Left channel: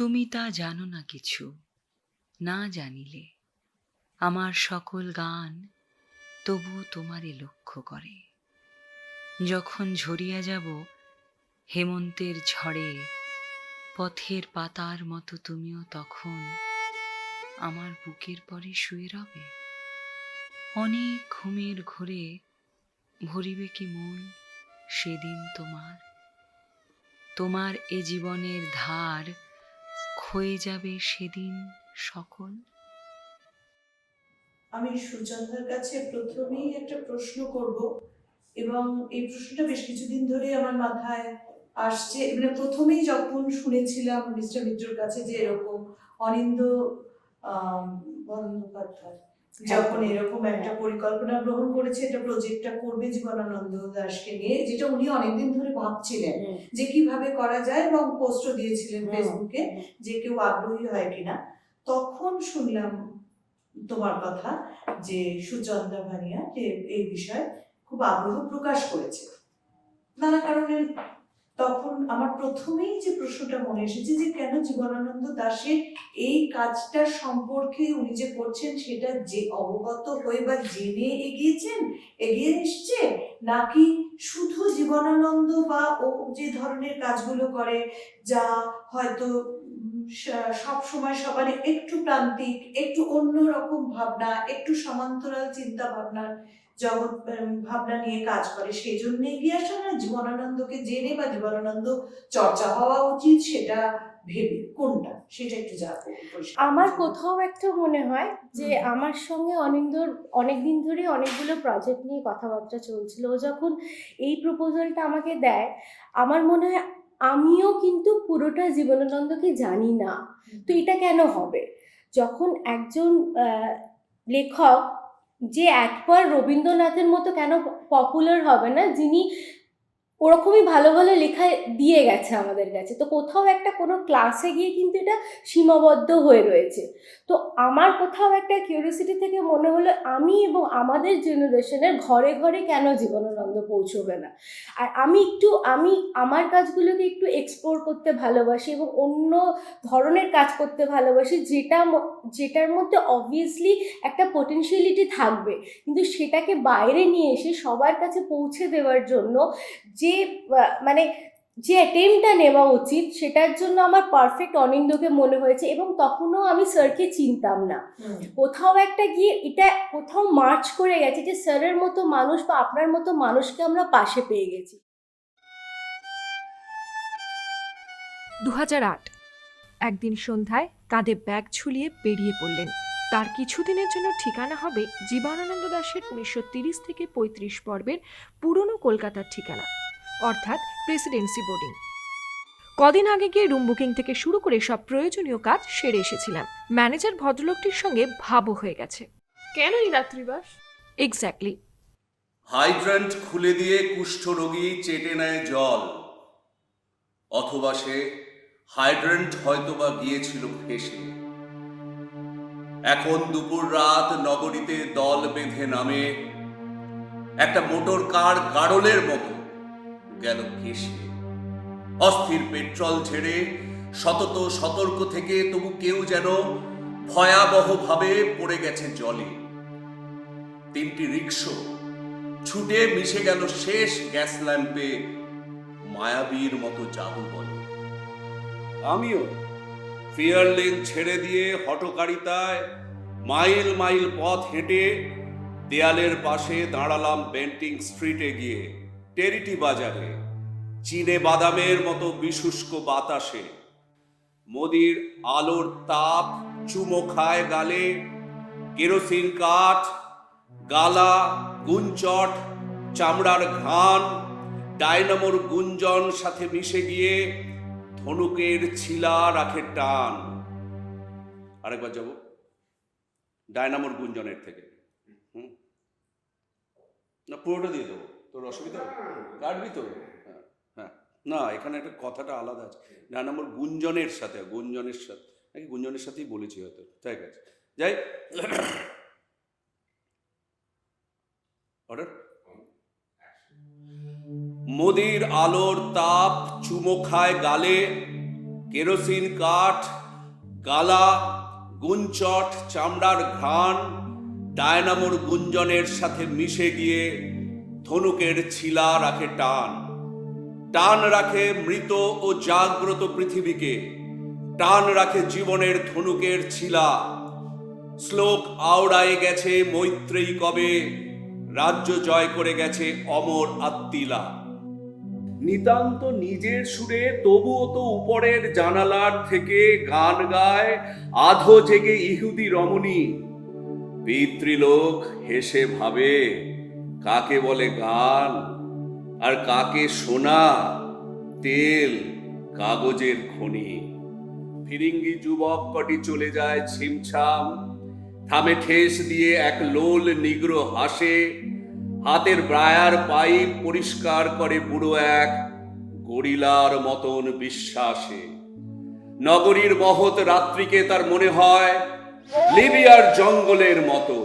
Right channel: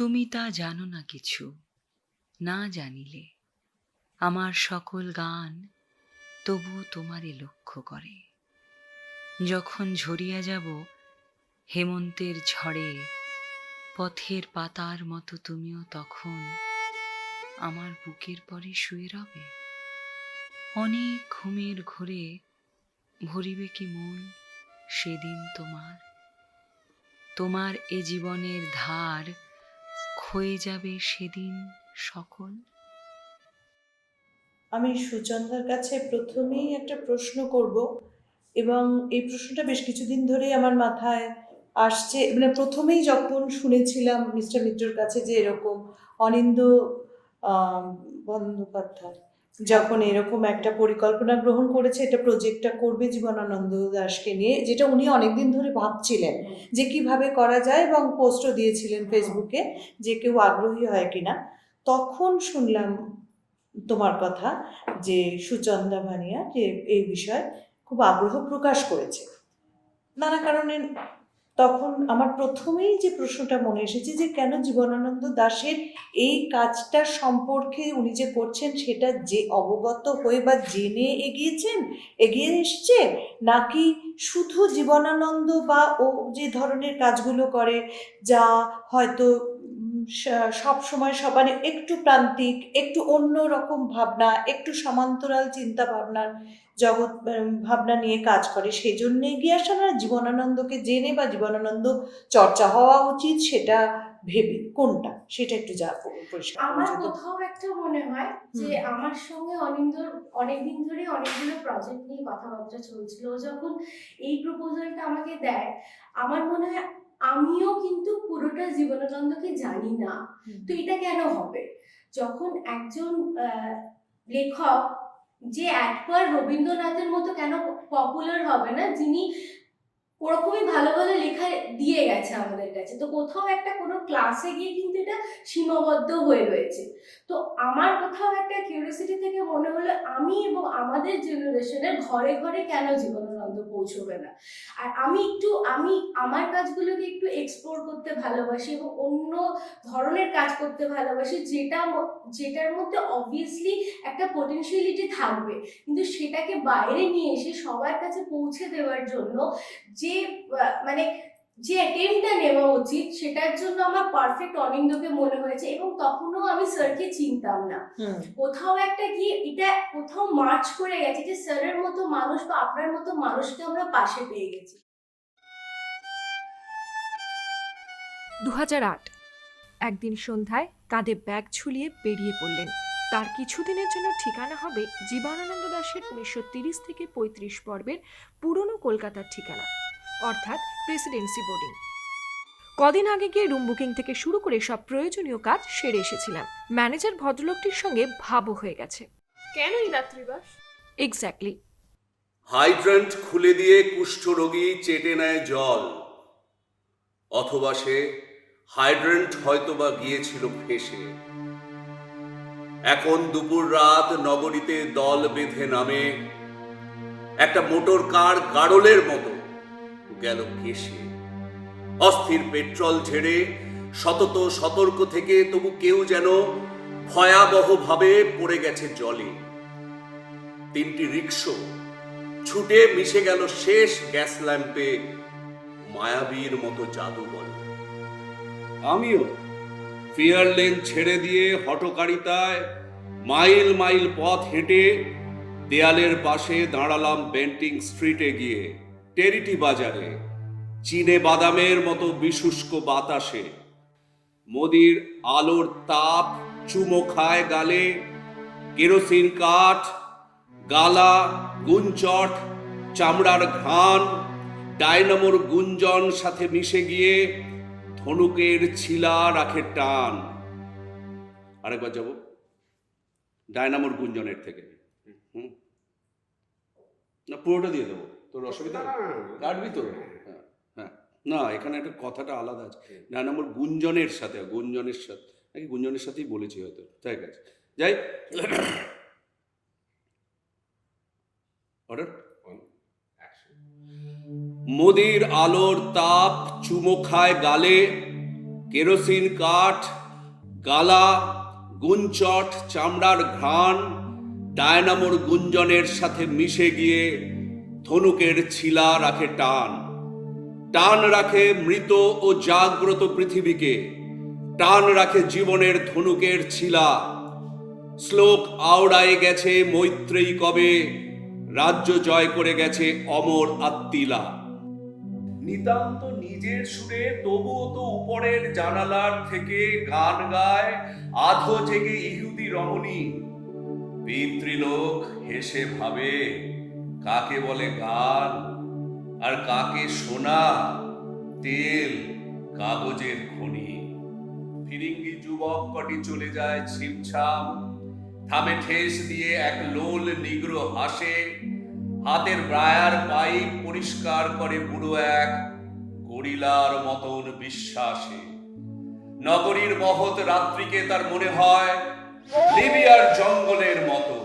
তুমি তা জানো না কিছু, না জানিলে আমার সকল গান তবু তোমারে লক্ষ্য করে। যখন ঝরিয়া যাব হেমন্তের ঝড়ে, পথের পাতার মতো তুমিও তখন আমার বুকের পরে শুয়ে রবে। অনেক ঘুমের ঘোরে ভরিবে কি মন সেদিন তোমার, তোমার এ জীবনের ধার ক্ষয়ে যাবে সেদিন সকল। আমি সুচন্দ্রার কাছে প্রথমেই একটা প্রশ্ন করব, এবং এই প্রশ্নটা বেশ কিছুদিন ধরে আমার মাথায় আসছে। মানে প্রথমেই যখন শুনেছিলাম মিস্টার মিত্রর কাছে যে এরকম অনিন্দ বন্দ্যোপাধ্যায় যখন এরকম একটা পরিকল্পনা গ্রহণ করেছে, এটা প্রজেক্টটা করবে জীবনানন্দ দাশকে নিয়ে, যেটা উনি অনেকদিন ধরে ভাবছিলেন যে কিভাবে করা যায়, এবং পোস্টও দিয়েছিলেন ফেসবুকে যে কেউ আগ্রহী হয় কিনা। তখন শুনলাম তোমার কথা যে সুচন্দ্রা ভানিয়া যে এই বিষয়ে খুব আগ্রহ প্রকাশ করেছে নানা কারণে। তখন আমার প্রথমেই যে প্রশ্নটা মনে এসেছে যে কেন জীবনানন্দ দাশের এই কাজটার সম্পর্কে উনি যে করছেন সেটা যে অবগত হয়ে বা জেনে এগিয়ে এসছে, নাকি শুধু জীবনানন্দ বা ও যে ধরনের কাজগুলো করে যা হয়তো সব সময় সবার একটু প্রান্তিক, একটু অন্য রকম ভাবনা, একটু সমান্তরাল চিন্তা ভাবনার জগৎ ভাবনা নিয়ে কাজ করে, সেই জন্য এগিয়ে আসা, না জীবনানন্দকে জেনে বা জীবনানন্দ চর্চা হওয়া উচিত সেটা ভেবে, কোনটা সেটা একটু যা পরিষ্কার। আমার কোথাও একটা মনে হয় যে আমার সঙ্গে অনিন্দর অনেকদিন ধরে অনেকগুলো প্রজেক্ট নিয়ে কথাবার্তা চলছিল। ও যখন এই প্রপোজালটা আমাকে দেয়, আমার মনে হয় আমিও কিন্তু পুরোটা জীবনানন্দকে জানি না, তো এটা কেন হবে? যখন একজন লেখক যে একবার রবীন্দ্রনাথের মতো কেন পপুলার হবে না, যিনি ওরকমই ভালো ভালো লেখা দিয়ে গেছে আমাদের কাছে, তো কোথাও একটা কোনো ক্লাসে গিয়ে কিন্তু এটা সীমাবদ্ধ হয়ে রয়েছে। তো আমার কোথাও একটা কিউরিওসিটি থেকে মনে হলো আমি এবং আমাদের জেনারেশনের ঘরে ঘরে কেন জীবনানন্দ পৌঁছবে না। আর আমি আমার কাজগুলোকে একটু এক্সপ্লোর করতে ভালোবাসি এবং অন্য ধরনের কাজ করতে ভালোবাসি, যেটার মধ্যে অবভিয়াসলি একটা পোটেনশিয়ালিটি থাকবে, কিন্তু সেটাকে বাইরে নিয়ে এসে সবার কাছে পৌঁছে দেওয়ার জন্য যে মানে যে অ্যাটেম্পটা নেওয়া উচিত, সেটার জন্য আমার পারফেক্ট অনিন্দকে মনে হয়েছে। এবং তখনও আমি স্যারকে চিনতাম না, কোথাও একটা গিয়ে এটা কোথাও মার্চ করে গেছে যে স্যারের মতো মানুষ বা আপনার মতো মানুষকে আমরা পাশে পেয়ে গেছি। 2008 একদিন সন্ধ্যায় কাঁধে ব্যাগ ঝুলিয়ে বেরিয়ে পড়লেন। তার কিছুদিনের জন্য ঠিকানা হবে জীবনানন্দ দাশের 1930 থেকে 35 পর্বের পুরনো কলকাতার ঠিকানা, অর্থাৎ প্রেসিডেন্সি বোর্ডিং। কদিন আগে গিয়ে রুম বুকিং থেকে শুরু করে সব প্রয়োজনীয় কাজ সেরে এসেছিলাম। ম্যানেজার ভদ্রলোকটির সঙ্গে ভাবও হয়ে গেছে। কেন এই রাত্রিবাস? এক্স্যাক্টলি। হাইড্রান্ট খুলে দিয়ে কুষ্ঠরোগী চেটে নেয় জল, অথবা সে হাইড্রান্ট হয়তোবা গিয়েছিল ফেসে। এখন দুপুর রাত নগরীতে দল বেঁধে নামে, একটা মোটর কার গাড়লের মতো গেল কেশে। অস্থির পেট্রোল ঝেড়ে সতত সতর্ক থেকে তবু কেউ যেন ভয়াবহভাবে পড়ে গেছে জলে। 3টি রিকশো ছুটে মিশে গেল শেষ গ্যাস ল্যাম্পে, মায়াবীর মতো জাদু বলে। আমিও ফিয়ার লেন ছেড়ে দিয়ে হঠকারিতায় মাইল মাইল পথ হেঁটে দেয়ালের পাশে দাঁড়ালাম বেন্টিং স্ট্রিটে গিয়ে। টেরিটি বাজারে চীনে বাদামের মতো বিশুষ্ক বাতাসে মোদির আলোর তাপ চুমো খায় গালে। কেরোসিন কাঠ, গালা, গুঞ্চট, চামড়ার ঘ্রাণ, ডায়নামোর গুঞ্জন সাথে মিশে গিয়ে ধনুকের ছিলা রাখে টান। আরেকবার যাব ডায়নামোর গুঞ্জনের থেকে। না পুরোটা দিয়ে দেবো, তোর অসুবিধা কাটবি তো? হ্যাঁ হ্যাঁ, না এখানে একটা কথাটা আলাদা আছে, ডায়নামোর গুঞ্জনের সাথে নাকি গুঞ্জনের সাথেই বলেছি হয়তো, ঠিক আছে যাই। অর্ডার। মোদির আলোর তাপ চুমো খায় গালে, কেরোসিন কাঠ, গালা, গুঞ্চট, চামড়ার ঘ্রাণ ডায়নামোর গুঞ্জনের সাথে মিশে গিয়ে ধনুকের ছিলা রাখে টান। টান রাখে মৃত ও জাগ্রত পৃথিবীকে, টান রাখে জীবনের ধনুকের ছিলা। শ্লোক আওড়ায় গেছে মৈত্রেয়ী কবে, রাজ্য জয় করে গেছে অমর আত্মিলা। নিতান্ত নিজের সুরে তবুও তো উপরের জানালার থেকে গান গায় আধো জেগে ইহুদি রমণী। পিতৃলোক হেসে ভাবে কাকে বলে গান আর কাকে সোনা, তেল, কাগজের খনি। ফিরিঙ্গি যুবক কটি চলে যায় ছিমছাম, থামে ঠেস দিয়ে এক লোল নিগ্র হাসে। হাতের ব্রায়ার পাইপ পরিষ্কার করে বুড়ো এক গরিলার মতন বিশ্বাসে। নগরীর মহৎ রাত্রিকে তার মনে হয় লিবিয়ার জঙ্গলের মতো।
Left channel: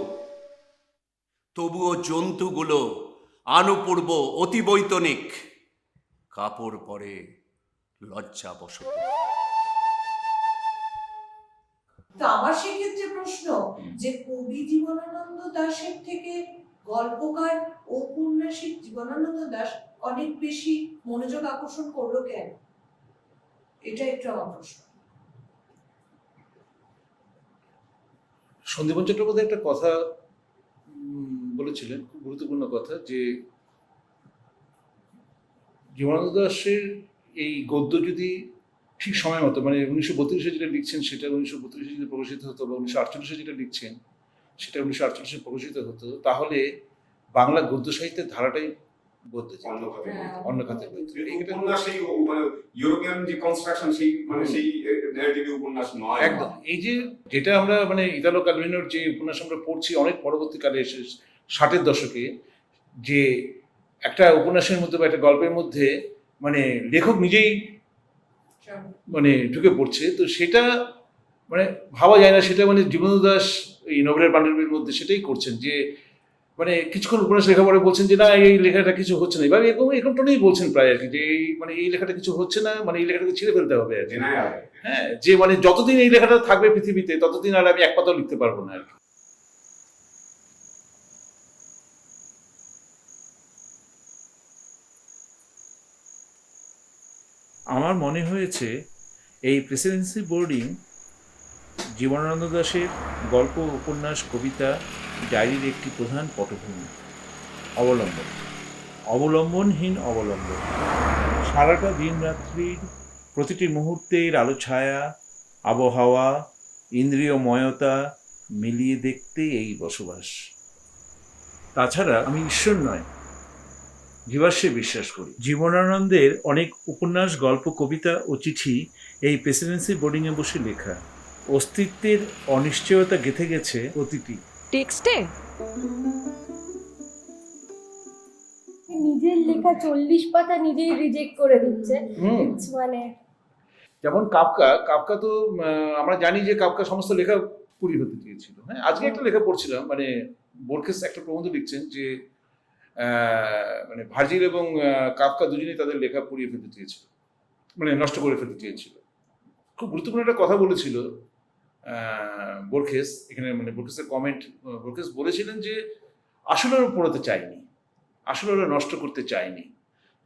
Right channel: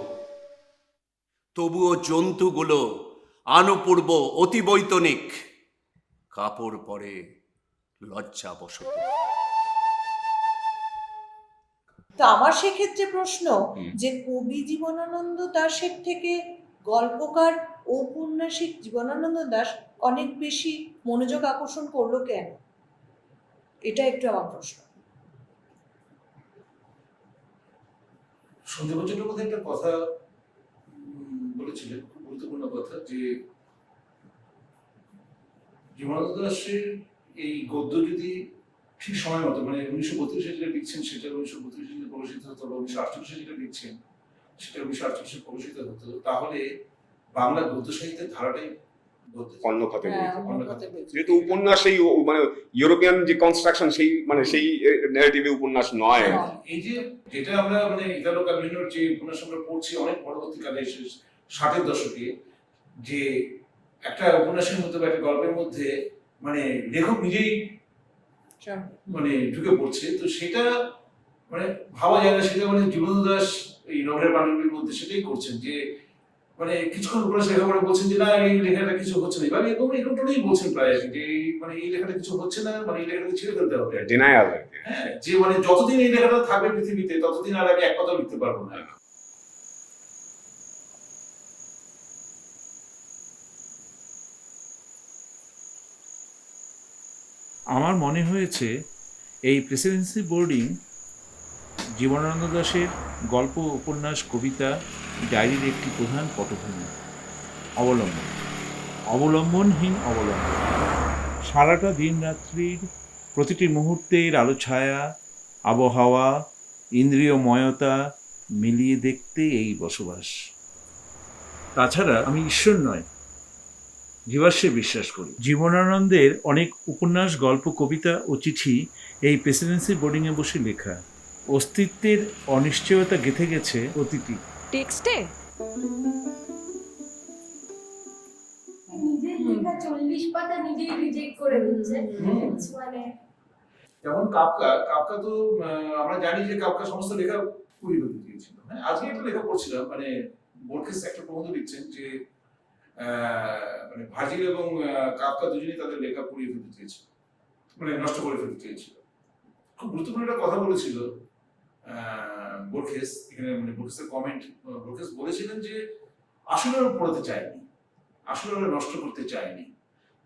তবুও জন্তুগুলো আনুপূর্ব, অতিবৈতনিক, কাপড় পরে লজ্জাবশত। তো আমার সেক্ষেত্রে প্রশ্ন যে কবি জীবনানন্দ দাশের থেকে গল্পকার ঔপন্যাসিক জীবনানন্দ দাশ অনেক বেশি মনোযোগ আকর্ষণ করলো কেন? এটা একটু আমার প্রশ্ন। সন্দীপন চট্টোপাধ্যায় একটা কথা বলেছিলেন, খুব গুরুত্বপূর্ণ কথা, যে জীবনানন্দ দাশের এই গদ্য যদি ঠিক সময় মতো, মানে 1932-এ যেটা লিখছেন সেটা 1932-এ যদি প্রকাশিত হতো, বা 1948-এ যেটা লিখছেন সেটা 1948-এ প্রকাশিত হতো, তাহলে বাংলা গদ্য সাহিত্যের ধারাটাই অন্য খাতে অন্য খাতে। যেহেতু উপন্যাস সেই মানে ইউরোপিয়ান যে কনস্ট্রাকশন, সেই মানে সেই ন্যারেটিভে উপন্যাস নয় একদম। এই যে যেটা আমরা মানে ইতালো ক্যালভিনোর যে উপন্যাস আমরা পড়ছি অনেক পরবর্তীকালে এসে 60-এর দশকে, যে একটা উপন্যাসের মধ্যে বা একটা গল্পের মধ্যে মানে লেখক নিজেই মানে ঢুকে পড়ছে, তো সেটা মানে ভাবা যায় না। সেটা মানে জীবনানন্দ দাশ এই নভেলের পাণ্ডুলিপির মধ্যে সেটাই করছেন, যে মানে কিছুক্ষণ উপন্যাস লেখা পরে বলছেন যে না এই লেখাটা কিছু হচ্ছে না, এবার এরকম টোনেই বলছেন প্রায় আর কি, যে এই মানে এই লেখাটা কিছু হচ্ছে না, মানে এই লেখাটাকে ছিঁড়ে ফেলতে হবে আর কি। ডিনায়াল। হ্যাঁ, যে মানে যতদিন এই লেখাটা থাকবে পৃথিবীতে ততদিন আর আমি এক পাতাও লিখতে পারবো না আর কি। আমার মনে হয়েছে এই প্রেসিডেন্সি বোর্ডিং জীবনানন্দ দাশের গল্প, উপন্যাস, কবিতা, ডায়েরির একটি প্রধান পটভূমি, অবলম্বনহীন অবলম্বন। সারাটা দিন রাত্রির প্রতিটি মুহূর্তের আলো ছায়া, আবহাওয়া, ইন্দ্রিয়ময়তা মিলিয়ে দেখতে এই বসবাস। তাছাড়া আমি ঈশ্বর নয়, জীবাশ্মে বিশ্বাস করি। জীবনানন্দের অনেক উপন্যাস, গল্প, কবিতা ও চিঠি এই প্রেসিডেন্সি বোর্ডিংয়ে বসে লেখা। অস্তিত্বের অনিশ্চয়তা গেঁথে গেছে প্রতিটি টেক্সটে। নিজের লেখা 40 পাতা নিজেই রিজেক্ট করে দিচ্ছে, মানে যেমন কাফকা তো আমরা জানি যে কাফকা সমস্ত লেখা পুড়িয়ে ফেলতে চেয়েছিল। হ্যাঁ, আজকে একটা লেখা পড়ছিলাম, মানে বোরখেস একটা প্রবন্ধ লিখছেন যে মানে ভার্জিল এবং কাফকা দুজনেই তাদের লেখা পুড়িয়ে ফেলতে চেয়েছিল, মানে নষ্ট করে ফেলতে চেয়েছিল। খুব গুরুত্বপূর্ণ একটা কথা বলেছিল বোরখেস এখানে, মানে বোরখেসের কমেন্ট, বোরখেস বলেছিলেন যে আসলে ওরা পড়াতে চায়নি, আসলে ওরা নষ্ট করতে চায়নি।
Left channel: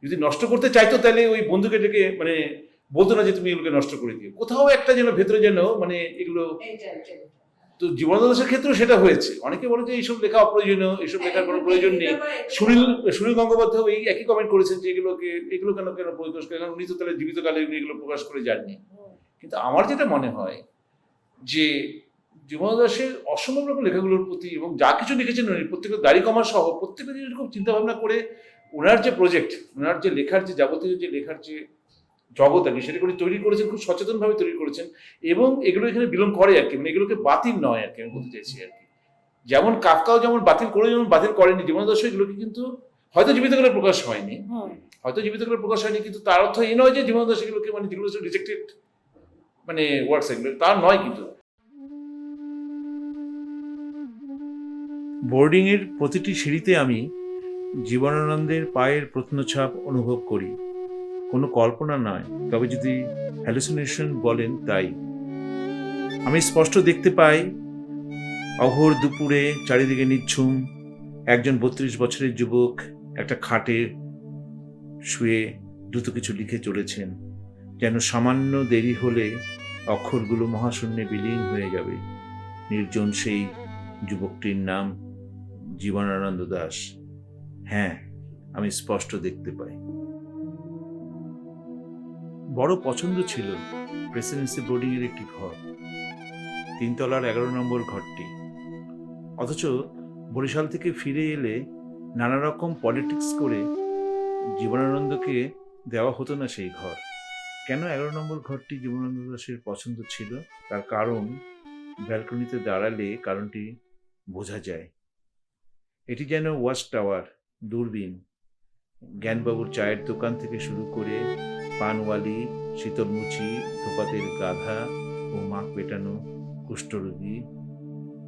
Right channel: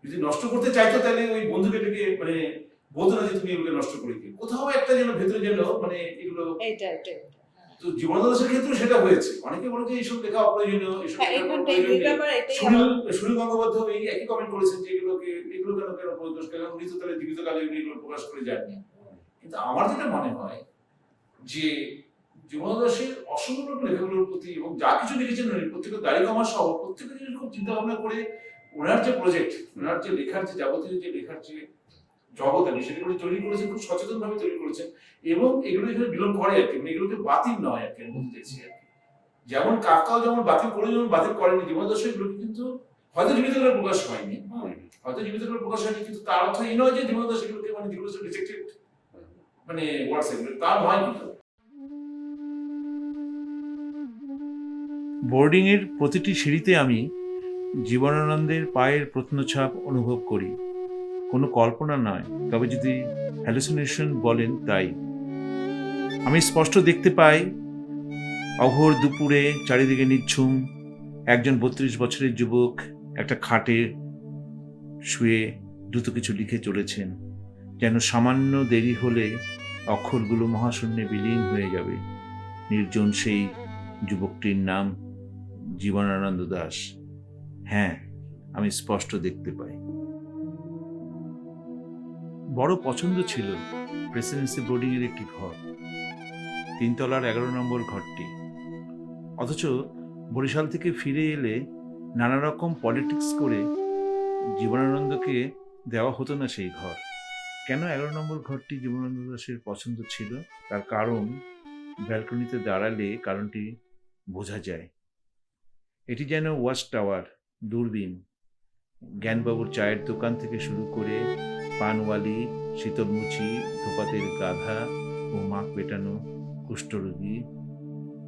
যদি নষ্ট করতে চাইতো তাহলে ওই বন্ধুকে ডেকে মানে বলতো না যে তুমি এগুলোকে নষ্ট করে দিও। কোথাও একটা যেন ভেতরে যেন মানে এগুলো, তো জীবনানন্দ দাশের ক্ষেত্রেও সেটা হয়েছে। অনেকে বলে যে এইসব লেখা অপ্রয়োজনীয়, এইসব লেখার কোনো প্রয়োজন নেই। সুনীল গঙ্গোপাধ্যায় এই একই কমেন্ট করেছেন যে এগুলো কেন প্রকাশ করে, কারণ উনি তো তাহলে জীবিতকালে এগুলো প্রকাশ করে যাননি। কিন্তু আমার যেটা মনে হয় যে জীবনানন্দ দাশের অসম্ভব রকম লেখাগুলোর প্রতি এবং যা কিছু লিখেছেন উনি প্রত্যেকের দাড়ি কমা সহ প্রত্যেকটা জিনিস খুব চিন্তা ভাবনা করে ওনার যে প্রজেক্ট, ওনার যে লেখার যে যাবতীয় যে লেখার যে জগৎ আর কি সেটা করে তৈরি করেছেন, খুব সচেতনভাবে তৈরি করেছেন, এবং এগুলো এখানে বিলং করে আর কি, মানে এগুলোকে বাতিল নয় আর কি, আমি বলতে চাইছি আর কি। যেমন কাফকাও যেমন বাতিল করে, যেমন বাতিল করেনি, জীবনানন্দ দাশ এগুলোকে কিন্তু হয়তো জীবিতকালে প্রকাশ হয়নি, কিন্তু তার অর্থ এই নয় যে জীবনানন্দ দাশ এগুলোকে মানে যেগুলো রিজেক্টেড মানে ওয়ার্ডস এগুলো তার নয়। কিন্তু বোর্ডিংয়ের প্রতিটি সিঁড়িতে আমি জীবনানন্দের পায়ের প্রত্নছাপ অনুভব করি। কোনো কল্পনা নয়, তবে যদি হ্যালুসিনেশন বলেন তাই। আমি স্পষ্ট দেখতে পাই অঘোর দুপুরে চারিদিকে নিঝুম একজন 32 বছরের যুবক একটা খাটে শুয়ে দ্রুত কিছু লিখে চলেছেন, যেন সামান্য দেরি হলে অক্ষরগুলো মহাশূন্যে বিলীন হয়ে যাবে। নির্জন সেই যুবকটির নাম জীবনানন্দ দাশ। হ্যাঁ, আমি স্পষ্ট দেখতে পাই। বড় পছন্দ ছিল প্রেসিডেন্সি বোর্ডিং এর একটি ঘর, 3 তলার 11 নম্বর ঘরটি। অথচ বরিশাল থেকে ফিরে এলে নানা রকম পলিটিক্স করে জীবনানন্দকে দেওয়া হতো না সেই ঘর। কেন 11 নম্বর ঘরটি জীবনানন্দ দাশের পছন্দ ছিল তার কারণ ব্যালকনিতে দাঁড়ালে কারণটি বোঝা যায়। এটি যেন ওয়াচ টাওয়ার, দূরবীন। জ্ঞানবাবুর চায়ের দোকান থেকে শুরু করে পানওয়ালি, শীতলমুচি, ধোপাতের গাধা ও মাখ পেটানো কুষ্ঠরোগী,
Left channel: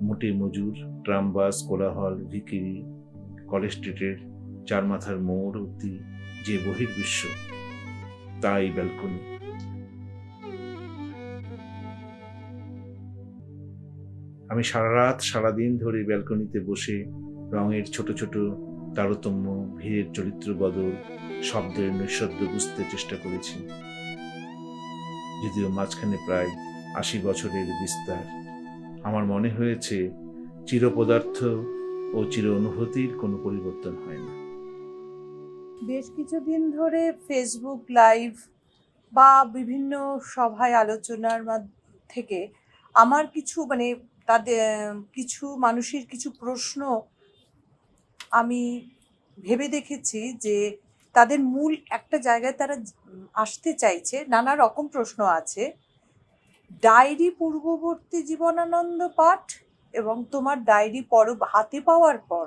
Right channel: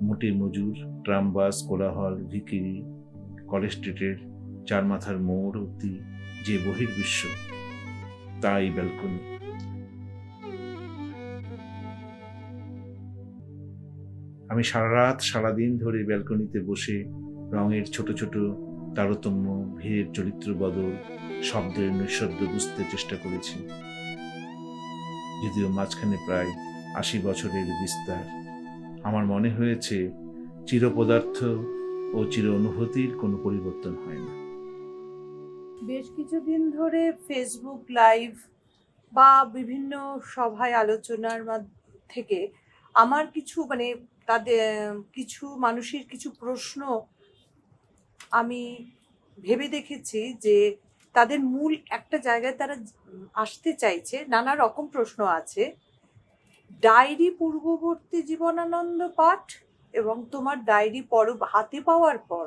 মুটে মজুর, ট্রাম বাস, কোলাহল, ভিকিরি, কলেজ স্ট্রিটের 4 মাথার মোড় অব্দি যে বহির্বিশ্ব, তা এই ব্যালকনি। আমি সারা রাত সারাদিন ধরে ব্যালকনিতে বসে রঙের ছোট ছোট তারতম্য, ভিড়ের চরিত্র বদল, শব্দের নৈঃশব্দ বুঝতে চেষ্টা করেছি, যদিও মাঝখানে প্রায় 80 বছরের বিস্তার। আমার মনে হয়েছে চিরপদার্থ ও চির অনুভূতির কোনো পরিবর্তন হয় না। বেশ কিছুদিন ধরে ফেসবুক লাইভ বা বিভিন্ন সভায় আলোচনার থেকে আমার কিছু তাদের কিছু মানুষের কিছু প্রশ্ন আমি ভেবে দেখেছি যে তাদের মূল একটা জায়গায় তারা আসতে চাইছে। নানা রকম প্রশ্ন আছে। ডায়েরি পূর্ববর্তী জীবনানন্দ পাঠ এবং তোমার ডায়েরি হাতে পাওয়ার পর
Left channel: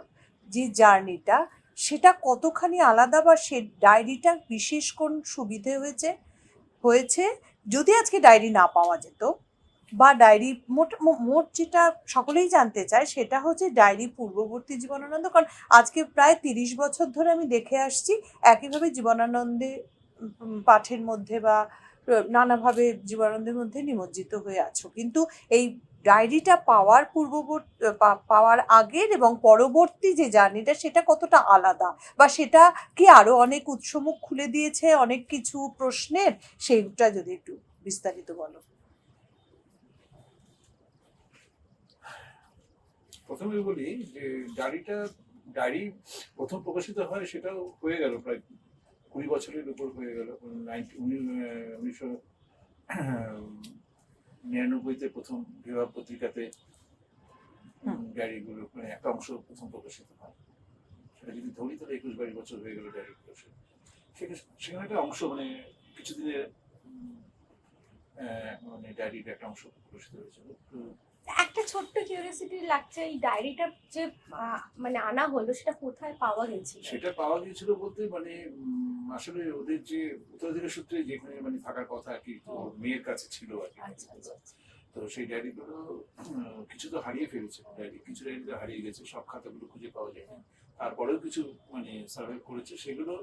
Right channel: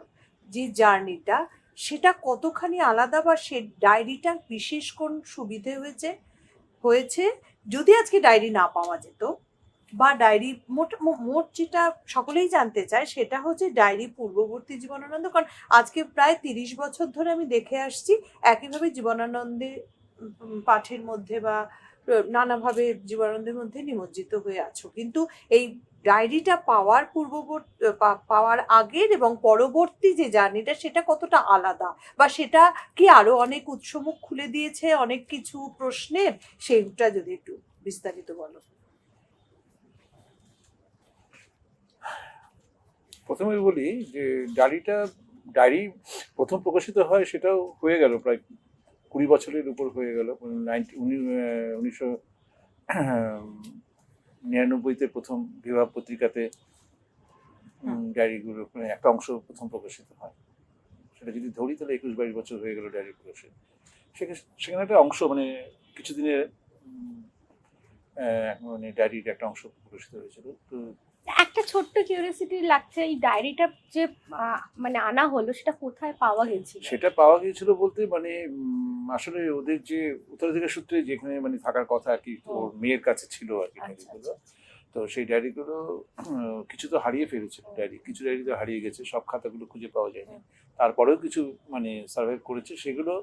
যে জার্নিটা, সেটা কতখানি আলাদা, বা সে ডায়েরিটা বিশেষ কোন সুবিধে হয়েছে যদি আজকে ডায়েরি না পাওয়া যেত, বা ডায়েরি মোট যেটা সকলেই জানতে চায় সেটা হচ্ছে ডায়েরি পূর্ববর্তী জীবনানন্দ। কারণ আজকে প্রায় 30 বছর ধরে আমি দেখে আসছি একইভাবে জীবনানন্দে পাঠের মধ্যে বা নানাভাবে জীবনানন্দের মধ্যে নিমজ্জিত হয়ে আছো, কিন্তু এই ডায়েরিটা পাওয়ার আগের এবং পরবর্তী যে জার্নিটা, সেটা কতটা আলাদা, বা সেটা কি আরো অনেক উৎসমুখ খুলে দিয়েছে অনেক কিছু প্রশ্নের, সেইটা যদি একটু বিস্তারিত বলো। প্রথমে বলি যে ডায়েরি প্রথম প্রকাশিত হয়, সেটাও হয়ে গেল প্রায় 20 বছরের উপর হয়ে গেল। 1999-তে প্রথম বিভাগ পত্রিকাতে ডায়েরিগুলো একটা অংশ প্রথম প্রকাশিত হয়। সেটা যদি ধরি তাহলে 21-22 বছর হয়ে গেল ডায়েরি প্রকাশিত। সেখানে একটা অংশ কিছুদিনের ডায়েরির একটা অংশ প্রকাশিত হয়েছিল। তো একটা ছোট্ট কিউরিওসিটি লাগছে, এই ডায়েরিটা যে আনা হলো সেটা কোথায় পাওয়া গেছিল? সেটা পাওয়া গিয়েছিল বলতে আসলে ওদের যে উত্তরাধিকার সূত্রে যেখানে থাকার কথা আর কি, ওর মেয়ের কাছে ছিল আর কি ডায়েরিগুলো। তো সেই ডায়েরিগুলো কিছু তো হারিয়ে ফেলেছে, কিছু ডায়েরি তো হারিয়ে গেছে, সব খাতাগুলো খুঁজে পাওয়া যায়নি। তারপরেও কিছু সার্ভাইভ করেছে, সেগুলো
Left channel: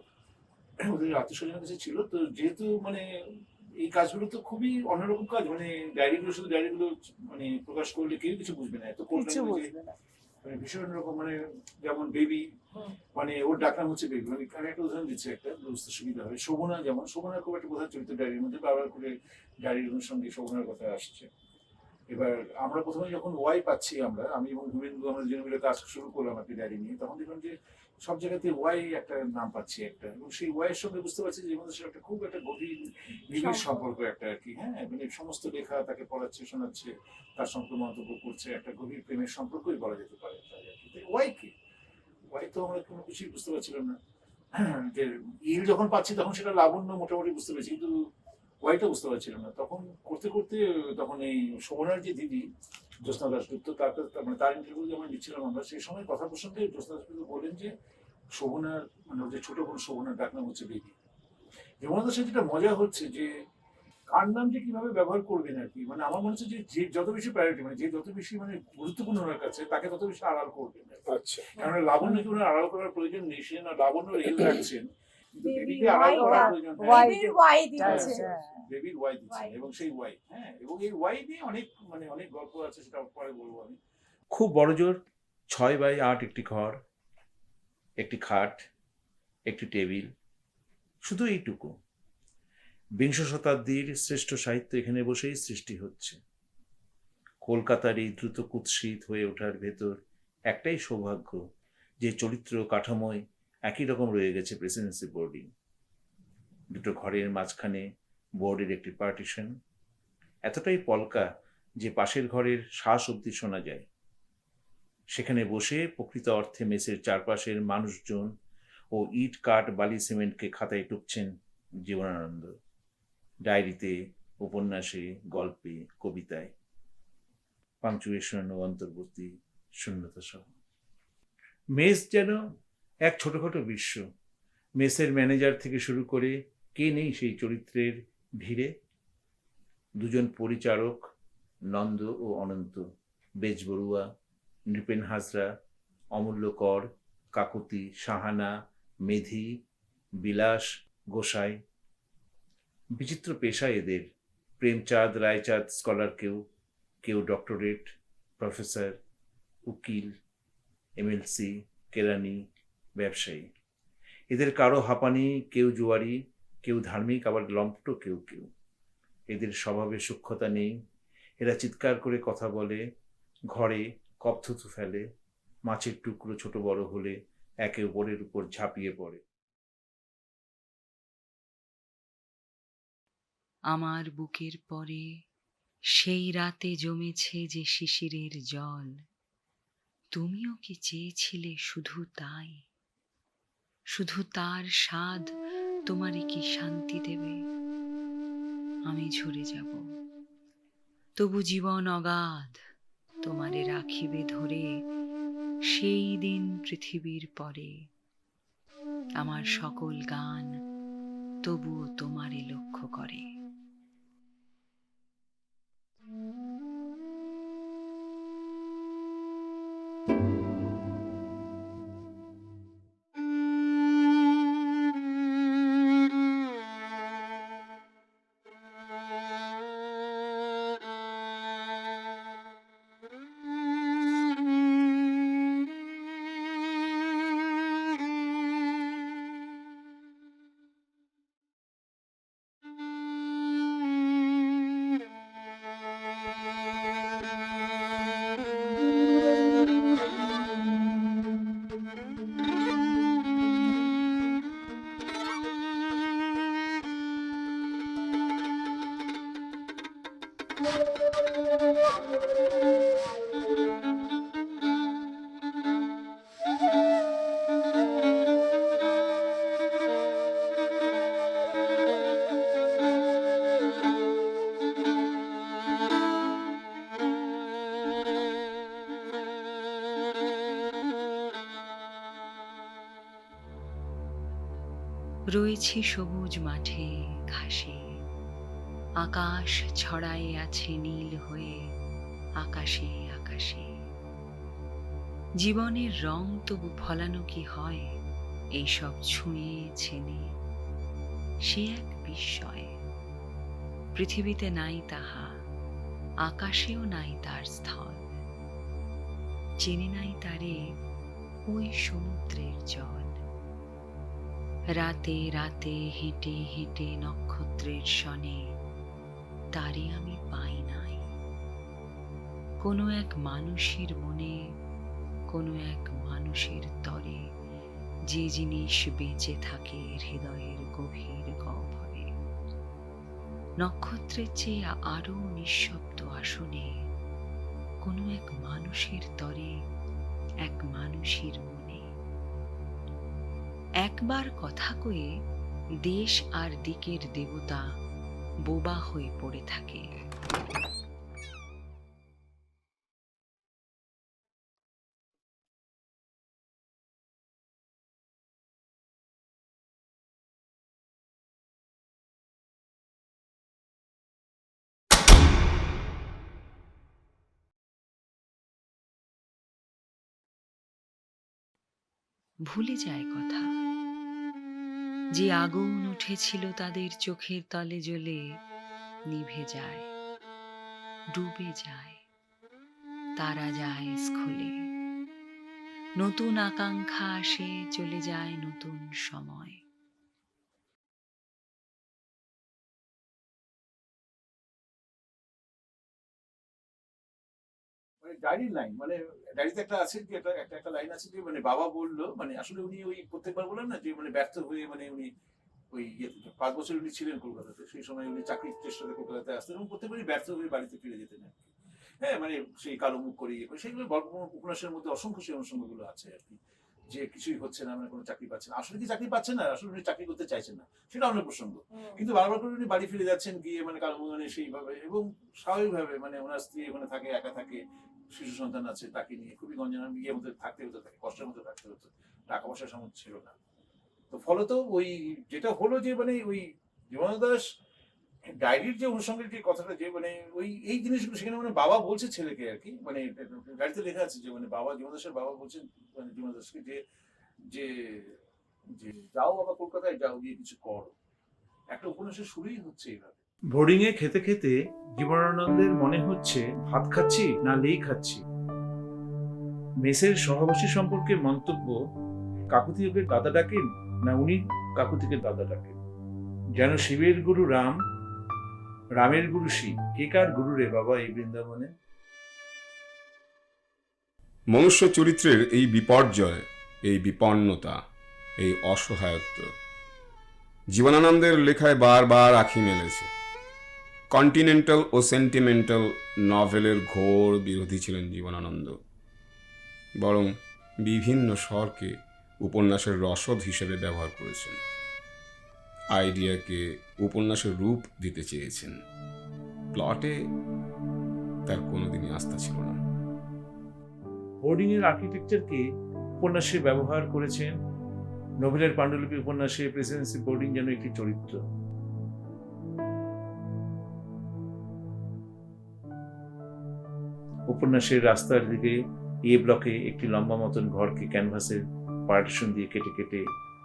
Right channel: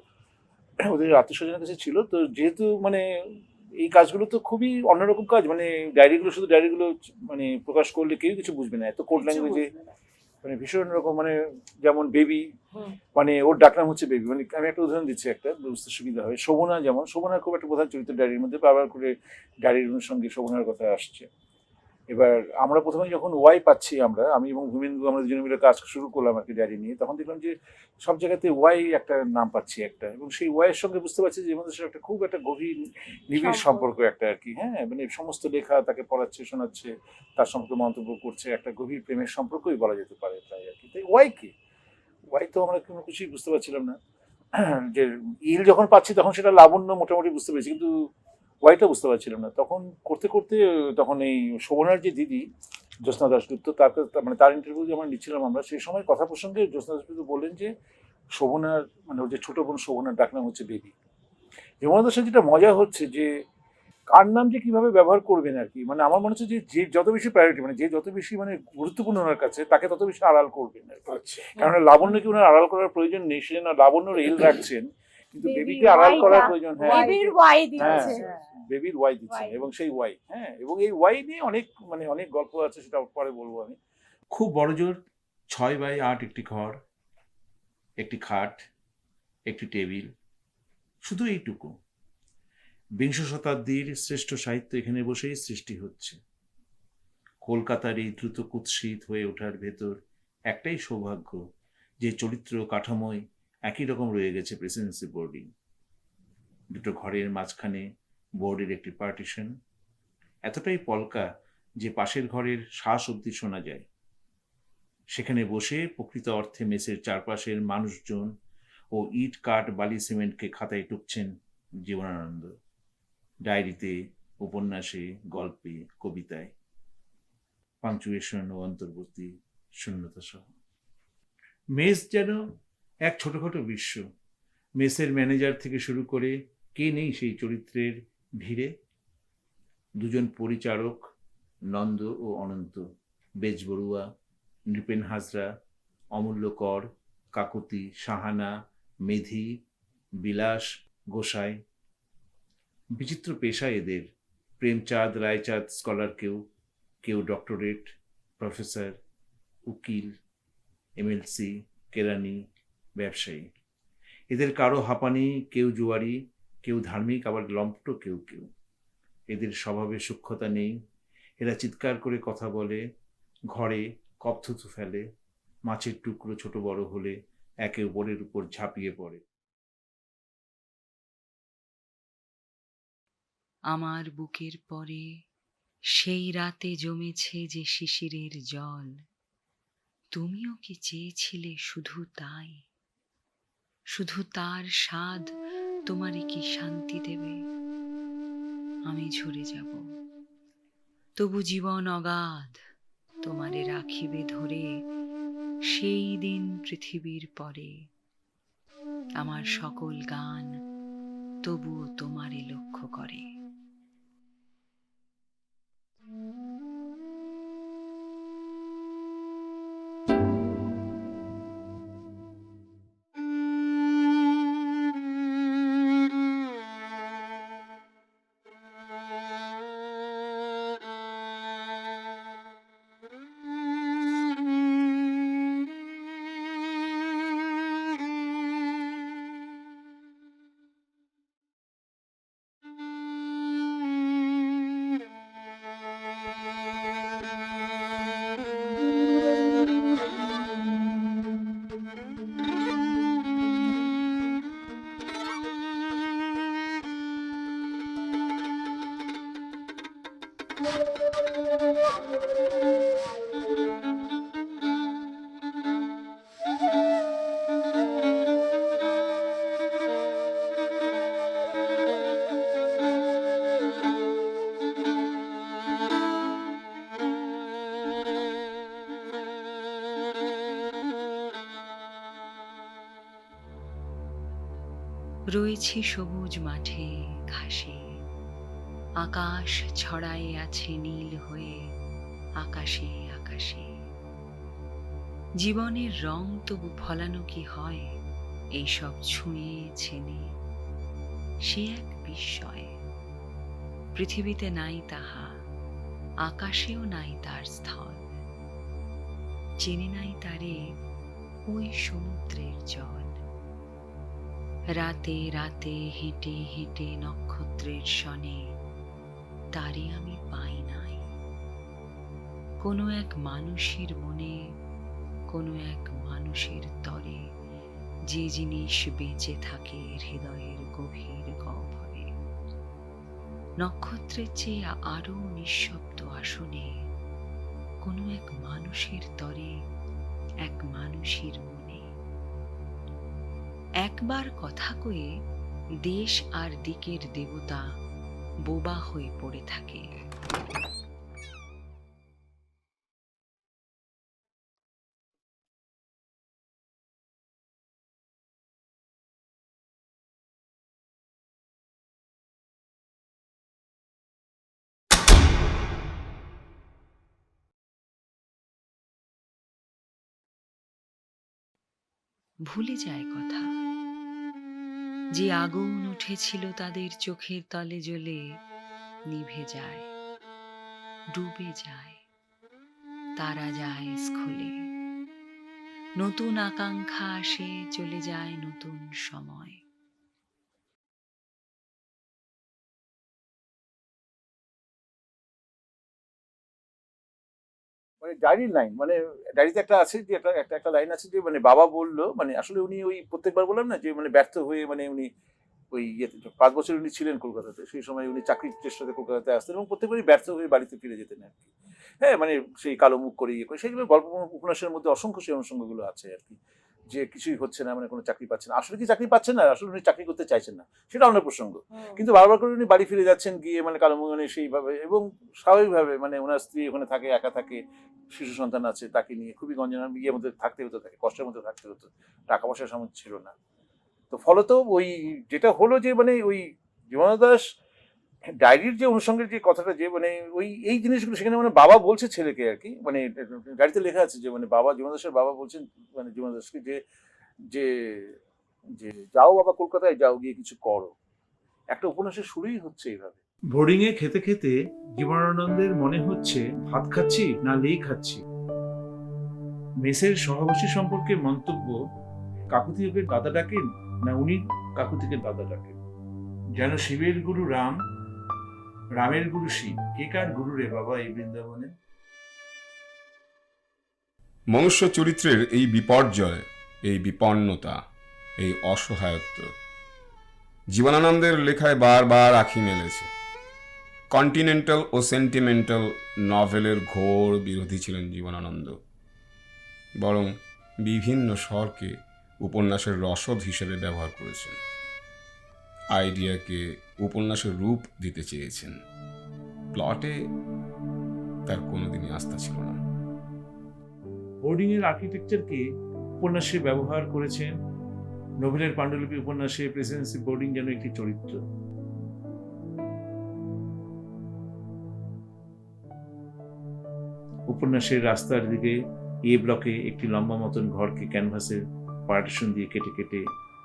ওদের আত্মীয়স্বজনের কাছে ছিল। তো যেহেতু এই কাজগুলো তো খুবই অন্যরকম কাজ, শুধু ডায়েরিগুলো প্রকাশ করলে কেউ কিছু বুঝবে না, এত কোড ল্যাঙ্গুয়েজে ভীষণ রকম, যেমন বেবি, ওর ডাকনাম হচ্ছে বেবি। আমি একটা উদাহরণ দিচ্ছি, একটা বুঝতে সুবিধা হয়। শোভনা, যেমন শোভনার খুব একটা প্রধান চরিত্র ডায়েরির মধ্যে, বারবার করে ডায়েরির অনুষঙ্গে শোভনার কথা আসছে। এবার আমরা প্রথমে যখন ওয়াই পাচ্ছি, আমি এবং ধুমেন্দু আমরা দুজনে মিলে কাজ শুরু করলাম আর কি ডায়েরি নিয়ে, তখন দেখলাম যে সব জায়গাতে ওয়াই একটা নাম পাচ্ছি একটা, এবং সেই ওয়াইয়ের সঙ্গে বুঝতে পারছি যে একটা খুব একটা গভীর নিবিড় সম্পর্ক একটা আর কি। হ্যাঁ, সমস্ত লেখা তাকে পড়াচ্ছে, শোনাচ্ছে, তার সম্পর্কে মন্তব্য করছে, একটা গভীর প্রেমের সম্পর্কই বলা যেতে পারে তাই আর কি। তাই ওয়াই তো আমরা কোনো কিছুই বুঝতে পারছিলাম না। যে ইল যখন পাচ্ছি তখন সেটা লাবণ্য মোটামুটি বুঝতে পেরেছি, কিন্তু ওয়াইটা বুঝতে পারছিলাম না। তখন করতে করতে তখন এই শোভনার যে দিদি জ্যোৎস্না দাশগুপ্ত, তার ইন্টারভিউ যে আমরা নিচ্ছিলাম, আমরা সেই সময় কথা প্রসঙ্গে জ্যোৎস্না দাশগুপ্ত বললেন যে শোভনার ওর যে ছোট বোন শোভনার ডাকনাম হচ্ছে বেবি। জীবনানন্দের সাথে যেটা মজা হচ্ছে যে কার নাম যে কিভাবে ব্যবহার করবেন আর কি, আমার মনে হচ্ছে যে যত বেশি প্রায়োরিটি, যে যত বেশি গুরুত্বপূর্ণ ওনার কাছে, তাকে তত বেশি আড়াল করবেন। কারণ লাবণ্যকে ওনার আড়াল করার প্রয়োজন নেই, সে না লাবণ্যর এল রাখছেন, কিন্তু Baby বেবিকে অ্যালাউ করা Y-টা, প্রয়োজন। বেবির ওয়াই হ্যাঁ দিচ্ছে। বেবির ওয়াই দিচ্ছেন Y এবং সেই ওয়াই, হ্যাঁ, এবং এই ওয়াই নিয়ে অনেক অনেক গল্প আছে, সেটা পরে বলবো আমি। খুব বড়জোর 6x8 একটি ঘর, একটি খাট, একটি টেবিল, শুধু এইটুকু। বিংশ শতাব্দীর শ্রেষ্ঠ সাহিত্য এখানে বসেই সৃষ্টি হচ্ছে। কলকাতার এই দ্রুত কুৎসিত হয়ে ওঠার ভেতর একটাই সৌভাগ্য, যে চরিত্র কাঠামোয় একই রকম রয়ে গেছে প্রেসিডেন্সি বোর্ডিং। দুটো ঘরের মাঝখানে বোর্ডের একটি পার্টিশন, এতটাই পলকা যে পাশের ঘরের শ্বাস অবধি শোনা যায়। সেখানে বসে প্রকৃত অর্থে মেসের চারপাশের মানুষজন ও ইট কাঠ বালি সিমেন্টকে খাতায় টুকছেন জীবনানন্দ, ডায়েরিতে, উপন্যাসে, গল্পে, কবিতায়, পাংচুয়েশন ও অন্তর্বর্তী শূন্যতা সহ। মেস যেন এক ছোটখাটো বিশ্ব। মেসের ম্যানেজার থেকে শুরু করে কে নেই সেই চরিত্রের ভিড়ে। দুজন পরিচারক, নন্দ ও অনন্ত, বেজবড়ুয়া, নৃপেন হাজরা, অমূল্য কর, কাকুতি, সাহানা, মেধি, বিলাস, গোসাই। বিচিত্র পেশা এদের। প্রেমচাঁদ, রায়চাঁদ স্কলার, কেউ ডক্টরেট, প্রফেসর, উকিল, এমএলসি, কেরানি, ব্যবসায়ী। এদের কারো হাঁপানি, কেউ জুয়ারি, কেউ ধার্মিক, আবার লম্পট কেউ। এদের স্বভাবে সূক্ষ্মতা নেই। এরা চিৎকার করে কথা বলে, ঘরে কপ থুতু ফেলে, মাছের টুকরো ছোট বড় হলে একে অপরের উপর ঝাঁপিয়ে পড়ে। আমার বুকের পরে সেই রাতে জমেছে যে শিশিরের জল, তুমিও কি চেয়েছিলে শুধু তাই? শুধু তার স্বাদ তোমারে কি শান্তি দেবে? আমি ঝরে যাব, তবু জীবন অগাধ তোমারে রাখিবে ধরে। সেই দিন পৃথিবীর পরে আমার সকল গান তবুও তোমারে লক্ষ্য করে। রয়েছি সবুজ মাঠে ঘাসে, আকাশ ছড়ায়ে আছে নীল হয়ে আকাশে আকাশে। জীবনের রং তবু ফলানো কি হয় এইসব ছুঁয়ে ছেনে? সে এক বিস্ময়। পৃথিবীতে নাই তাহা, আকাশেও নাই তার স্থল। চেনে নাই তারে ওই সমুদ্রের জল। রাতে রাতে হেঁটে হেঁটে নক্ষত্রের সনে তারে আমি পাই নাই। কোনো এক মানুষের মনে, কোনো এক মানুষের তরে যে জিনিস বেঁচে থাকে হৃদয়ের গভীর গহ্বরে। নক্ষত্রের চেয়ে আরো নিঃশব্দ আসনে কোনো এক মানুষের তরে, এক মানুষের মনে। একবার কথা কয়ে দেশ আর দিকের দেবতা বোবা হয়ে পড়ে থাকে। ভুলে যায় কথা, যে আগুন উঠেছিল তাদের চোখের তলে জ্বলে নিভে যায়, ডুবে যায়, তারা যায় স্খলে। নতুন আকাঙ্ক্ষা আসে, চলে যায় নতুন সময়। মানে ডায়েরির লাইন, মানে ডায়েরিতে একটা আছে যে একটা লাইন আছে যে মানে বাবা বললো, মানে আসলে উনি ওই প্রত্যেকবার বললাম না যে মানে ব্যর্থ হয়ে মানে উনি ওই 5 বছর উনি ছিলেন কলকাতাতে, সেই সময় উনি চাকরির চেষ্টাতে কলকাতাতে আসতেন এবং প্রত্যেকবারই ব্যর্থ হয়ে বাড়িতে ফিরে যেতেন আর কি। হ্যাঁ, মানে সেই কালো মুখ করে ইয়ে করে সেগুলো গল্প উপন্যাসের মধ্যে অসংখ্য সেই অনুষঙ্গগুলো আছে আর কি, যে কিছুই হচ্ছে না, মানে কোনো চাকরি পাচ্ছেন না। আসলে কি চাকরি পাচ্ছেন না, আসলে উনি চাকরি করতে চাইছেন না, সেটা অন্য প্রসঙ্গ। কিন্তু বারবার করে উনি বাড়ি ফিরে যাচ্ছেন গিয়ে মানে কালো মুখ মানে সেইভাবে, এবং স্বাভাবিকভাবে মানে ওনার স্ত্রী ওখানে থাকে, একা থাকে, শিশু সন্তান আছে, তাকে নিয়ে খুবই গঞ্জনা ইয়ের মধ্যে থাকতে হতো, তাকে কষ্টের মধ্যে থাকতে হতো, টাকা পয়সার সামর্থ্য ছিল না। তো ফলত ওই যেটা হলো যে মানে ওই জীবনানন্দ দাশ ডায়েরির যে অনুষঙ্গের যে কথাটা, যে মানে ওই এই জিনিসগুলো সেখানে মানে বাবা বলছে ছেলেকে আর কি, মানে ডায়েরিতে লেখা আছে যে মানে বাবা, জীবনানন্দ দাশের বাবা বলছেন মানে জীবনানন্দ দাশকে যে যে যে যাও বাবা কলকাতায় যাও, গিয়ে কিছু করো। একটা উপন্যাসের শুরুই হচ্ছে এইভাবে। বোর্ডিং এ খেতে খেতে জীবনানন্দের মনে হচ্ছে ভাত খাচ্ছি না লেই খাচ্ছি। মেসের সহবাসী সম্পর্কে মন্তব্য, কাকুতিকে দাদা ডাকেন না উনি কাকুতিকে দাদা ডাকেন। যেন শিবের গুরু রাম, রামের গুরু শিব, কে কার গুরু রে বাবা এই বৃন্দাবনে। মনুষ্য চরিত্রের এই বিপর্যয়, এই বিপন্নতা, এই অসহায়ত্ব জীবনানন্দের লেখায় বারবার আঁখি মেলেছে। কন্টিনেন্টাল ও সেন্টিমেন্টাল নভেলের ঘোর বিরোধী ছিলেন জীবনানন্দ, বরং বিভিন্ন স্বরকে উপন্যাসের রসদ হিসেবে ব্যবহার করেছেন। আইডিয়াকে উপন্যাসের রূপ দিতে চেয়েছেন, প্লটে তার কোনোদিনই আস্থা ছিল না। বোর্ডিং এর আর্কিটেকচারকে উপন্যাসে ব্যবহার করেছেন। নোবেলের পাণ্ডুলিপি উপন্যাসে প্রেসিডেন্সি বোর্ডিং যেন একটি চরিত্র। উপন্যাসের রাস্তার দিকে এ ব্লকে একটি লম্বা মতন ঘরকে ক্যানভাসের পার্টিশন দিয়ে কেটে কেটে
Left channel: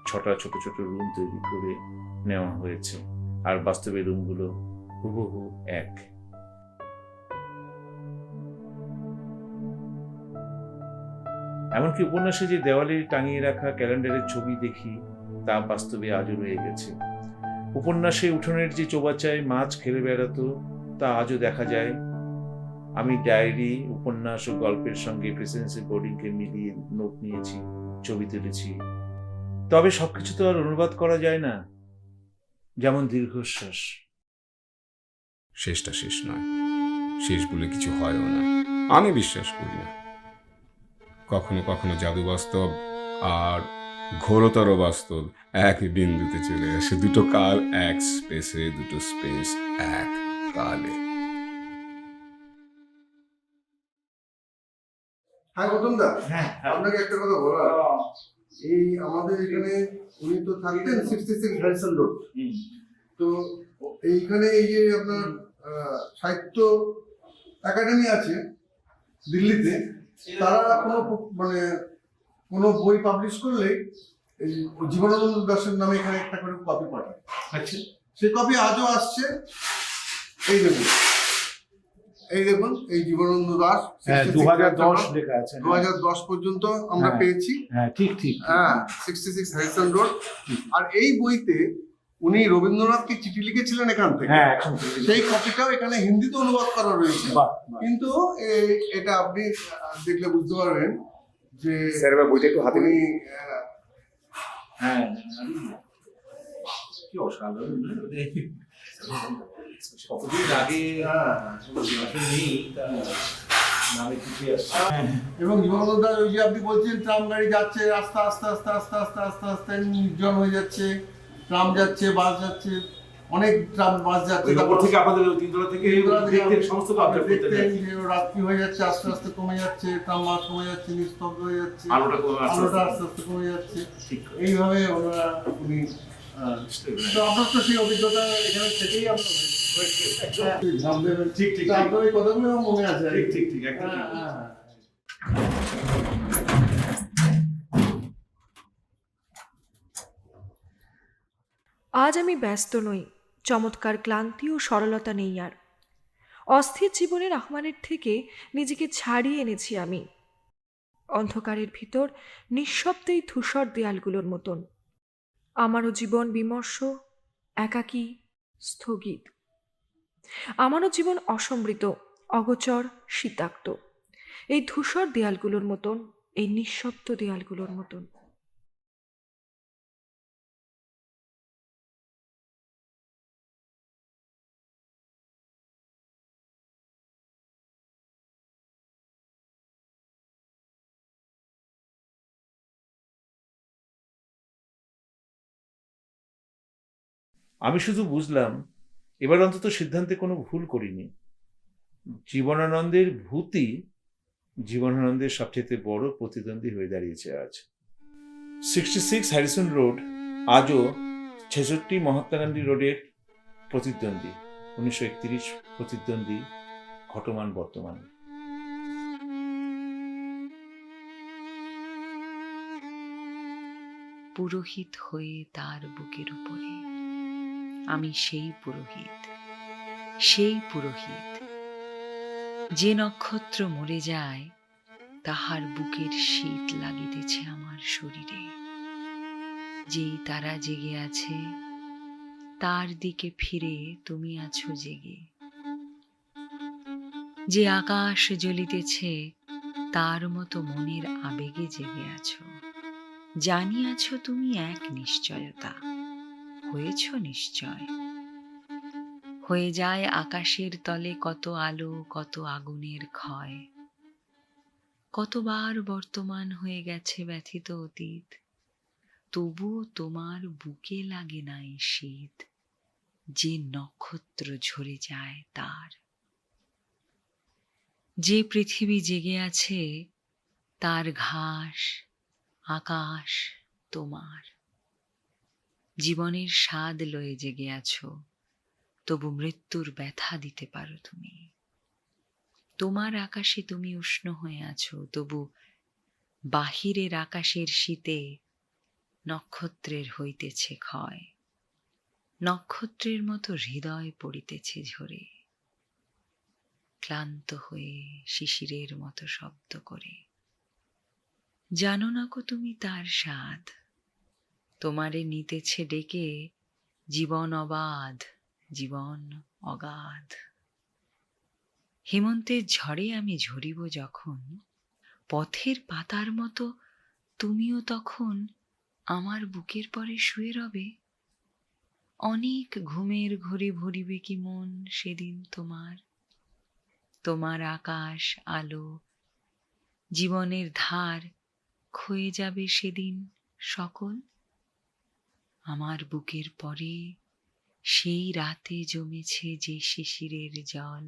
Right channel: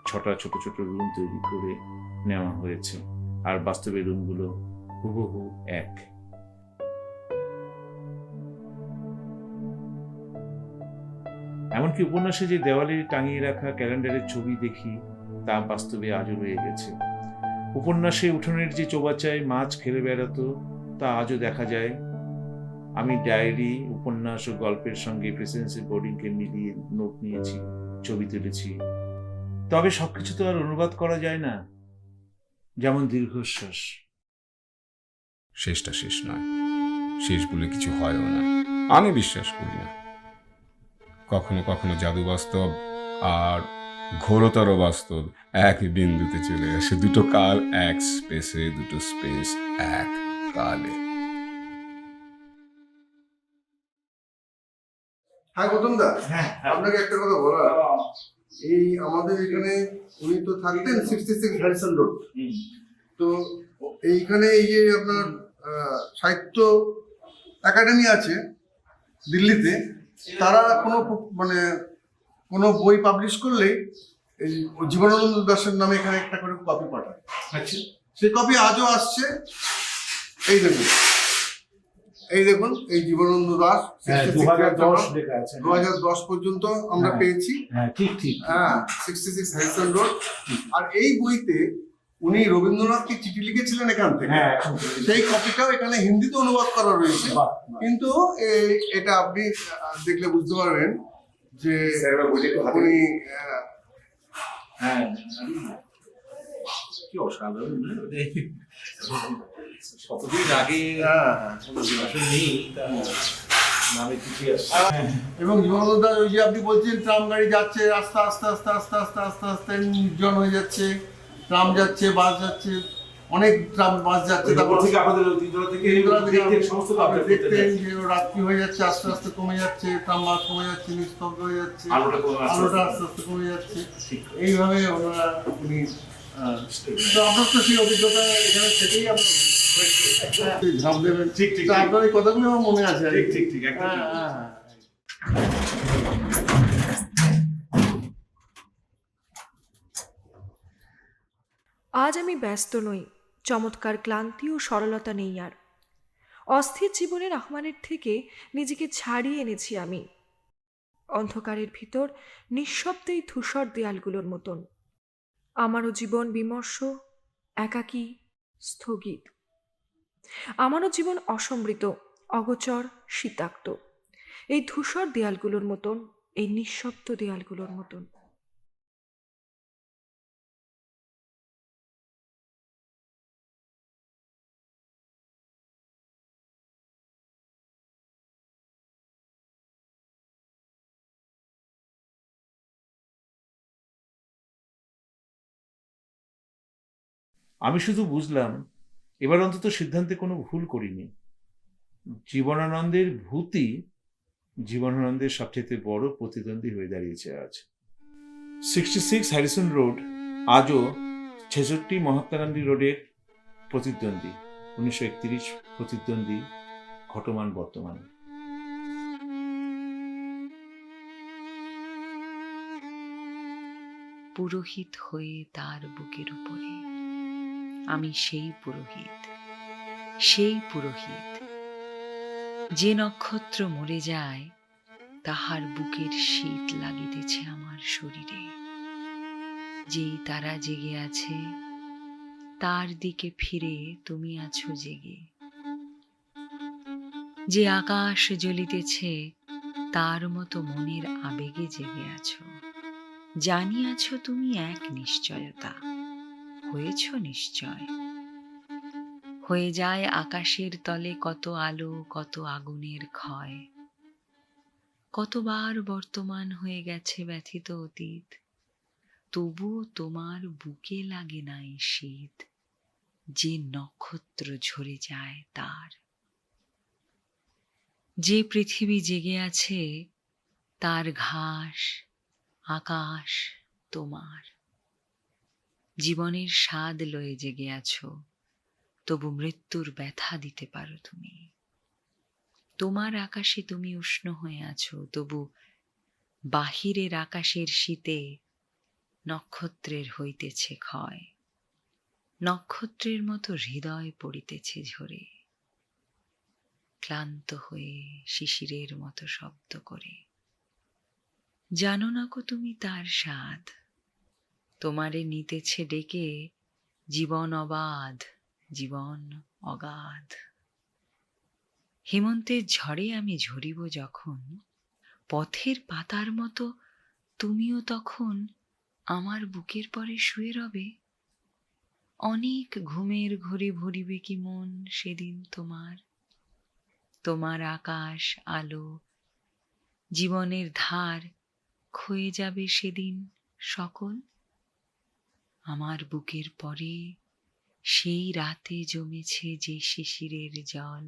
6টা ছোট ছোট রুম তৈরি করে নেওয়া হয়েছে, আর বাস্তবে রুমগুলো হুবহু এক। এমনকি উপন্যাসে যে দেওয়ালে টাঙিয়ে রাখা ক্যালেন্ডারের ছবি দেখি তা বাস্তবে আজও রয়ে গেছে। উপন্যাসে উঠোনের যে চৌবাচ্চায় মাছ খেলে বেড়াতো তা আজও দেখা যায়। আমি ডায়েরি, উপন্যাস ও গল্পের সঙ্গে প্রেসিডেন্সি বোর্ডিংকে মিলিয়ে নোট নিয়েছি, ছবি তুলেছি। তবে সবকিছু তো আর অনুবাদ করা যায় না, যেমন দীর্ঘশ্বাস। শেষটা শেষ নয়, শেষ বলে কিছু হয়ও না, আমি বিশ্বাস করি না। কখনো কখনো জাদু বাস্তব আর ঘোরতর বাস্তব এক বিন্দুতে চলে আসে, দুটো কাল এক স্পেসে, দুটো স্পেস এক কালে। হ্যাঁ গৌতম দা, আপনাকে একটা কথা বলা, এই আমাদের এখানে উনি তো থাকতেন 66 হ্যারিসন রোড, তো এইখানে এই যে আপনার সাহিত্য একাডেমি আছে দিল্লিতে, তারা কোনো বই পাবলিশ করলে এই জীবনানন্দ দাশের নামে এখানে একটা করে কপি পাঠায়। আচ্ছা, সেই কপি আজও আসছে। এই দেখুন এই জীবনানন্দ দাস 2010 পর্যন্ত আমরা পেয়েছি। ঠিক 66 হ্যারিসন রোড। আর এই বইতে উনি রবীন্দ্রনাথকে চিঠি লিখেছিলেন এখান থেকে, সেই কপিটাও এখানে হিন্দিতে অনুবাদ করা রয়েছে। কিন্তু এটা আপনি দেখলে বুঝতে পারবেন যে উনি কি অসাধারণ, কতদিন আগে নেই নামে চিঠি আসছে। এবং জীবনানন্দ দাস ওই যে আপনি বলছেন ট্রাম গাড়ি যাচ্ছে, আস্তে আস্তে আস্তে আস্তে আস্তে আস্তে আস্তে নির্জন হয়ে যাচ্ছে, ট্রাম যাচ্ছে, বাস যাচ্ছে, অনেক ট্রাম বাস যাচ্ছে, তারপর থেকে আমাদের দেখতেন যে রাত্রি হয়ে যাচ্ছে, আস্তে আস্তে কমে যাচ্ছে, ট্রাম বাস কমে যাচ্ছে, নিস্তব্ধ হয়ে যাচ্ছে, আলোটা আস্তে আস্তে কমে যাচ্ছে, এইভাবে উনি। তো আপনার তো সেই অভিজ্ঞতা এখানে থেকেই আপনার আপনার এই কথাগুলো আমার মনে আছে। ঠিক আজ আমি ব্যস্ত নই, চমৎকার ক্লান্তি ও সরলতা নেই আর। অস্থির জীবনের আহ্বানের থেকে নিজেকে ছাড়িয়ে এনেছি আমি, অন্ধকারের ভিতর নিঃশব্দেই ধূসর দেয়ালগুলোর মতন। আমারও জীবন বিমর্ষ, একাকী, স্থগিত। আমারও জীবন অসমৃত, অগোচর, শীতাক্ত, এই ধূসর দেয়ালগুলোর মতন, এই নিঃশব্দ দেয়ালগুলোর মতন। আমি শুধু বুঝলাম এবার অন্তত সিদ্ধান্তে কোনো ভুল করিনি। জীবনানন্দের ভূতই জীবনানন্দের সবচেয়ে বড় প্রতিদ্বন্দ্বী হয়ে দাঁড়িয়েছে আজ। 66 হ্যারিসন রোড আজও 66 মহাত্মা গান্ধী রোডের প্রতিদ্বন্দ্বী, 1931 প্রতিদ্বন্দ্বী, ঘটমান বর্তমান। পুরোহিত হয়ে তার বুকের উপরে আমি সেই পুরোহিত, সেই পুরোহিত যে নক্ষত্র মরে যায় তাহার বুকের শীত লাগিতেছে আমার শরীরে। যেই তারা জেগে আছে তার দিকে ফিরে তুমি আছো জেগে। যে আকাশ জ্বলিতেছে তার মতো মনের আবেগে জেগে আছো। জানিয়াছ তুমি এক নিশ্চয়তা, হয়েছ নিশ্চয়। হয়ে যায় আকাশের তলে কত আলো, কত আগুনের ক্ষয়। কতবার বর্তমান হয়ে গেছে ব্যথিত অতীত, তবুও তোমার বুকে লাগে নাই শীত। যে নক্ষত্র ঝরে যায় তার, যে পৃথিবী জেগে আছে তার ঘাস আকাশ তোমার। জীবনের স্বাদ লয়ে জেগে আছো, তবু মৃত্যুর ব্যথা দিতে পারো তুমি। তোমার আকাশে তুমি উষ্ণ হয়ে আছো, তবু বাহিরের আকাশের শীতে নক্ষত্রের হইতেছে ক্ষয়। নক্ষত্রের মতো হৃদয় পড়িতেছে ঝরে, ক্লান্ত হয়ে শিশিরের মতো শব্দ করে। জানো না কো তুমি তার স্বাদ, তোমারে নিতেছে ডেকে জীবন অবাধ, জীবন অগাধ। হেমন্তের ঝড়ে আমি ঝরিব যখন, পথের পাতার মতো তুমিও তখন আমার বুকের পরে শুয়ে রবে। অনেক ঘুমের ঘড়ি ভরিবে কি মন সেদিন তোমার। তোমার আকাশ আলো জীবনের ধার ক্ষয়ে যাবে সেদিন সকল। আমার বুকের পরে সেই রাতে জমেছে যে শিশিরের জল।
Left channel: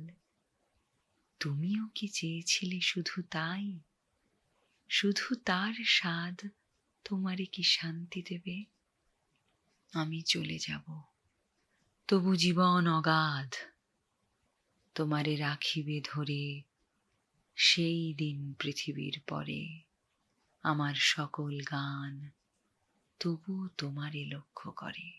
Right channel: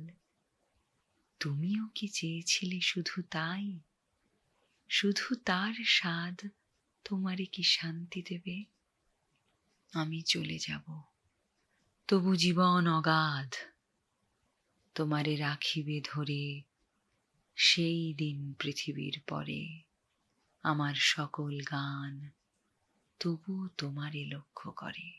তুমিও কি চেয়েছিলে শুধু তাই? শুধু তার স্বাদ তোমারে কি শান্তি দেবে? আমি চলে যাব, তবু জীবন অগাধ তোমারে রাখিবে ধরে। সেই দিন পৃথিবীর পরে আমার সকল গান তবু তোমারে লক্ষ্য করে।